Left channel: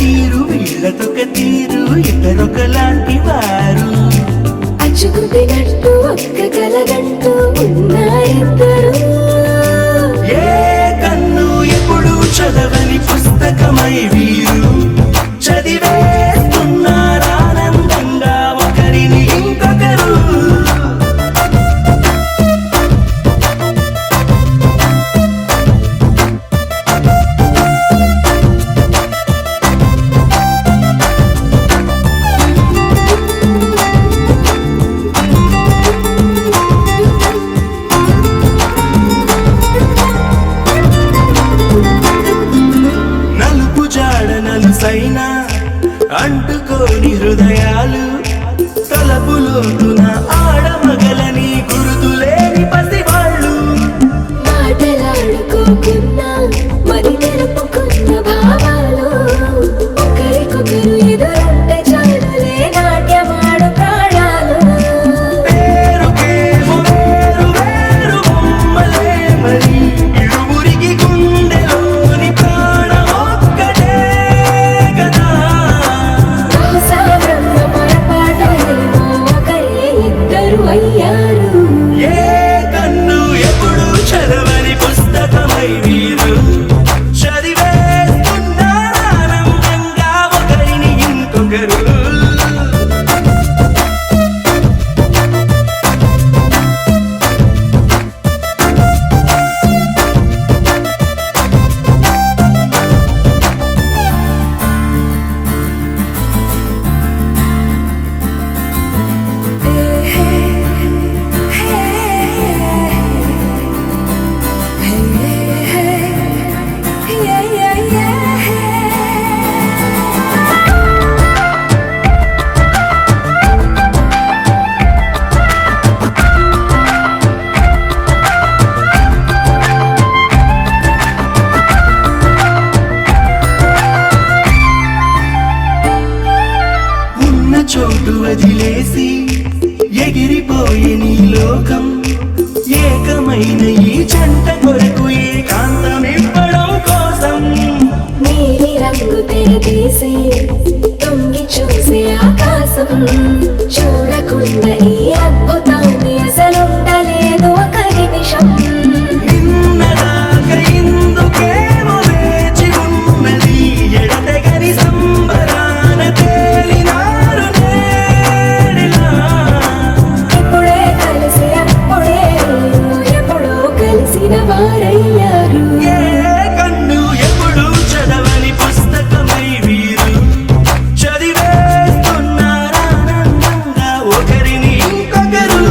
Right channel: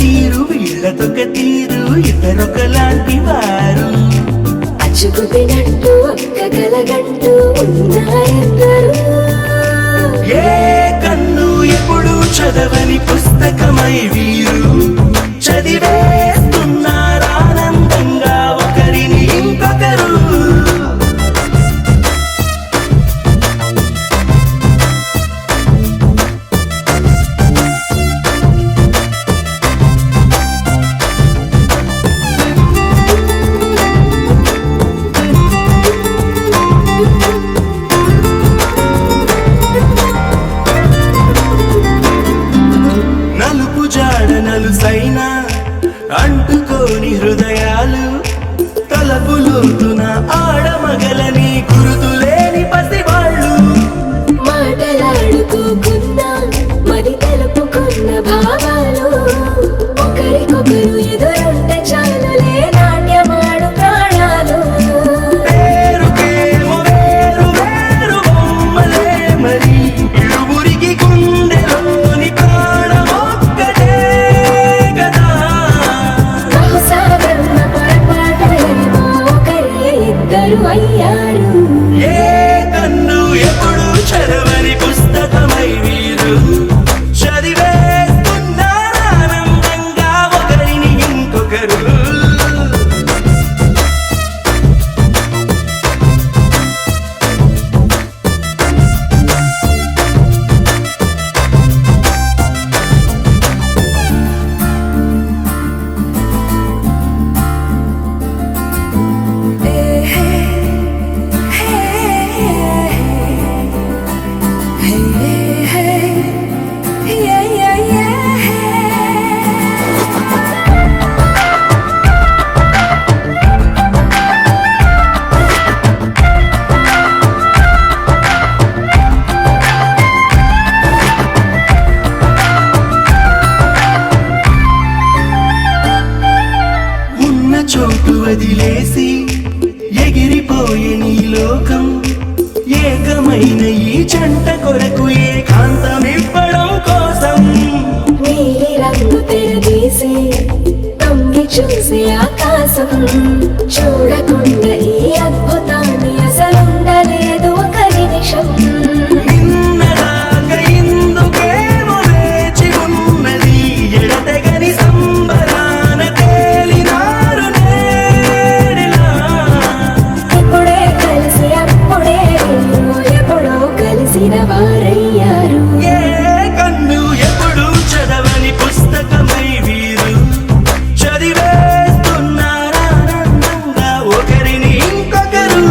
తీరు వీళ్ళతొక తీరు ఇద్దరొకలాంటి వారు అచ్చుకుపోయినట్టు ఒక్క కలగంటూ ఉన్నారిద్దరు ఏ కన్ను ఎప్పుడు చదవని పుస్తకమై వీరు చదివేస్తున్నారానందంగా ఒకరిని ఇంకొకరు నలుసైనా అంటుకోని హృదయాలు తలపులోతున ఆడమగలని గురుతులేని పసివాళ్ళు మాటలాడుకోకున్నా మరి తెలుపుకున్న భావాలు ఒకరికొకరు ఎదురుంటే చాలులే నాట్యమాడు ప్రాణాలు పేరుకేమో వేరు వేరు బొమ్మలే మరి ఇరువురికి గుండెలోని ప్రాణమొక్కటే కదా బహుశా బ్రహ్మ పొరపాటులేమో ఒకరే ఇద్దరు అయ్యారు ఏ కన్ను ఎప్పుడు చదవని పుస్తకమై వీరు చదివేస్తున్నారానందంగా ఒకరిని ఇంకొకరు చోటు వదిలేసి ఎగిరిపోయే నీ లోకం ఏకమైన ఈ జంట కొరకు ఏకాంతమివ్వడం కోసం నీలి రంగు తెరదీసి తొంగి చూసే ఆకాశం చూడకుండా ఈ అద్భుతాన్ని అసలుండలేదు ఒక నిమిషం నిన్నదాకా ఇందుకేమో వేచి ఉన్నది ఎడతెగని సంబరాన తేలినారు నేడిలా ఇప్పుడే కలిసి అప్పుడే ఎప్పుడో కలిసిన వారయ్యారు ఏ కన్ను ఎప్పుడు చదవని పుస్తకమై వీరు చదివేస్తున్నారానందంగా ఒకరిని ఇంకొకరు